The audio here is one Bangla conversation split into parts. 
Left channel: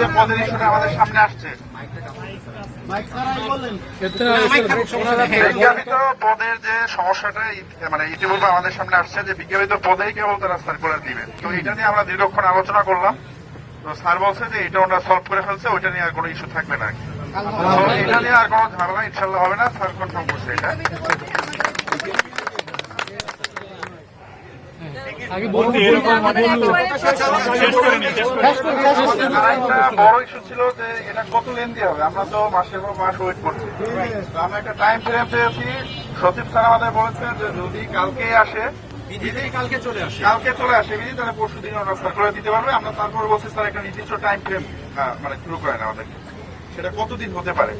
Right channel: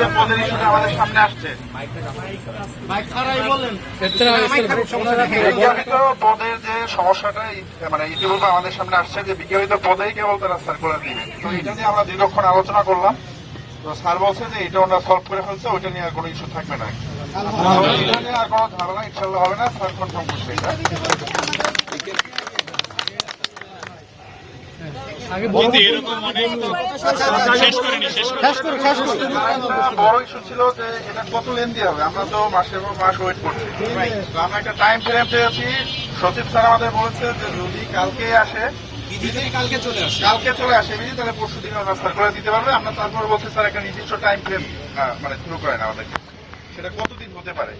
যে পদের ইস্যুটা আমাদের সামনে আসছে। বিজ্ঞাপিত পদের যে সমস্যাটা মানে ইতিপূর্বে আমাদের সামনে আসছে যে বিজ্ঞাপিত পদেই কেবল তারা সার্কুলার দিবেন। তো এটা নিয়ে আমরা দীর্ঘক্ষণ আলোচনা করলাম। তো স্যার বলছে যে এটা ওনারা সলভ করে ফেলছে, ওইটা নিয়ে আর কোনো ইস্যু থাকবে না। এটা নিয়ে আর কোনো ঝামেলা ইনশাল্লাহ হবে না, স্যার কনফার্ম করছে এটা। একটা বড় ইস্যু ছিল যে এটা কত লেন্দি হবে? আমরা তো মাসের পর মাস ওয়েট করছি। আমরা একটা টাইম ফ্রেম পেয়েছি। সচিব স্যার আমাদের বলেছে যে যদি কালকে আসে কালকে চলে আসে। কালকে চলে আসে তাহলে পরশু দিন করে দিতে পারবে। আমরা তারপরে বলছি স্যার একটা নির্দিষ্ট টাইম ফ্রেম মানে শুরু করেন আমাদের সেটা কতদিন হতে পারে?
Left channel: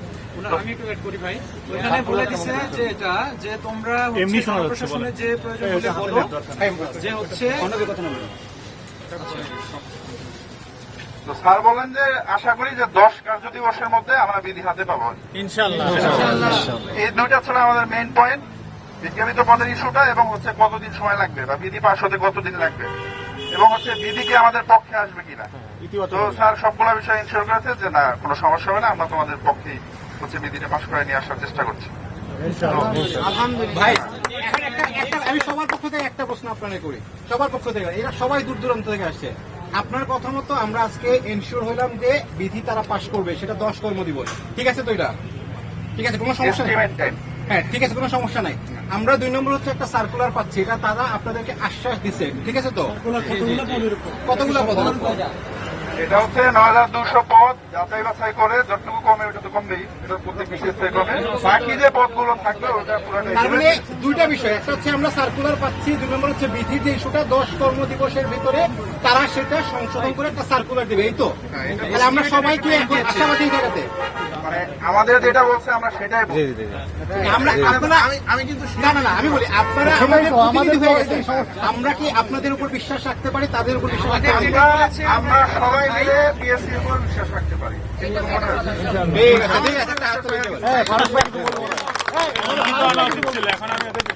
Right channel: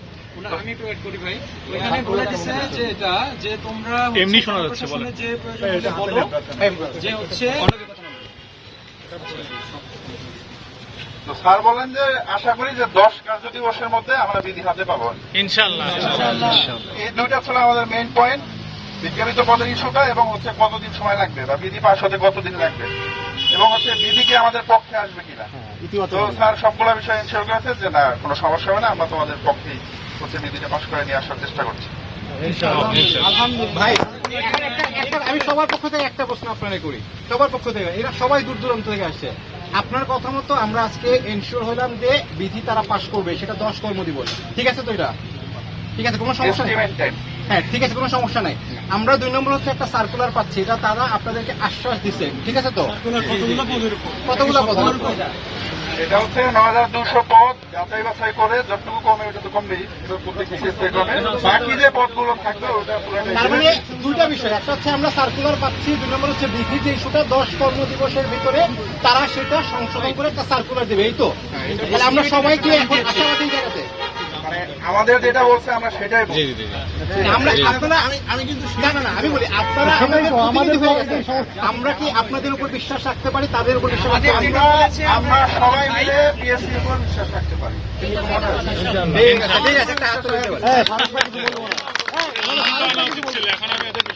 আমি একটু এড করি ভাই। এখানে বলে দিচ্ছে যে এটা যে তোমরা এমনি শোনা যাচ্ছে, প্রশাসনের যে প্রয়োজন বলো যে হচ্ছে তো স্যার বলেন যে আশা করি যে দশ কার্য দিবসের মধ্যে আমরা বিধি হাতে পাবো। ইনশাল্লাহ এই দুইটা ছিল আমাদের মেইন পয়েন্ট বিজ্ঞাপিত পদের ইস্যুটা এবং হচ্ছে কতদিন সময় লাগবে বা বিধি পাশ হতে কতদিন লাগবে। এবং হচ্ছে বিধি কি আমাদের পক্ষে আসবে কিনা? তো স্যার সবগুলো বিষয় ইনশিওর করেছে যে না কোনো সমস্যা হবে না আমরা তোমাদের পক্ষেই হচ্ছে বিধিটা পাশ করে নিয়ে আসার চেষ্টা করছি। ভাই এখন একটা- একটা- আমি সবার পক্ষ থেকে একটা প্রশ্ন আপনারা করি। সবার পক্ষ থেকে এরা সবাই দূর দূরান্ত থেকে আসছে। আপনার কথা মতো আমরা আজকে এনশিওর হলাম যে বিধি তারা পাশ করবে সেটা দশ কর্ম দিবস। ঠিক আছে তো এটা? ঠিক আছে কোনো সমস্যা নেই? হ্যাঁ ঠিক আছে কোনো সমস্যা নাই। আমরা দুই নম্বর হচ্ছে একটা সার্কুলার পাচ্ছি এটা তারা আপনাদেরকে আশ্বাস দিচ্ছে ঠিক আছে তো? কতগুলো পদ এটা হচ্ছে নয় হাজার দুশো পদ যাচাই বাছাই করে যতটুকু কমে ওটা তো কমবেই এটা প্রত্যেক বিশেষ কমে বাকি যে পদগুলো থাকবে ওটা মানে দুইটা বিষয়। একটা হচ্ছে আমরা সার্কুলার পাচ্ছি দুই নম্বর হচ্ছে বিধি যে ইস্যুটা দশ কর্ম দিবসের ভিতরে তারা সেটা সংশোধন করে একটা সার্কুলার দেবে এই তো? আমরা সবাই কি এখন আশাবাদী জায়গাতে মানে আমাদের যেটা বলছে আমরা সেটাই বলছি আমরা আমি আমি কিন্তু আমি বলি আপনারা হয়ে। আমরা কি আপনাদের উপর বিশ্বাস রাখতে পারি তাদের উপর বিশ্বাস রাখতে পারি আমরা আমরা সবাই মিলে বিএসসির উপর বিশ্বাস রাখতে পারি কিন্তু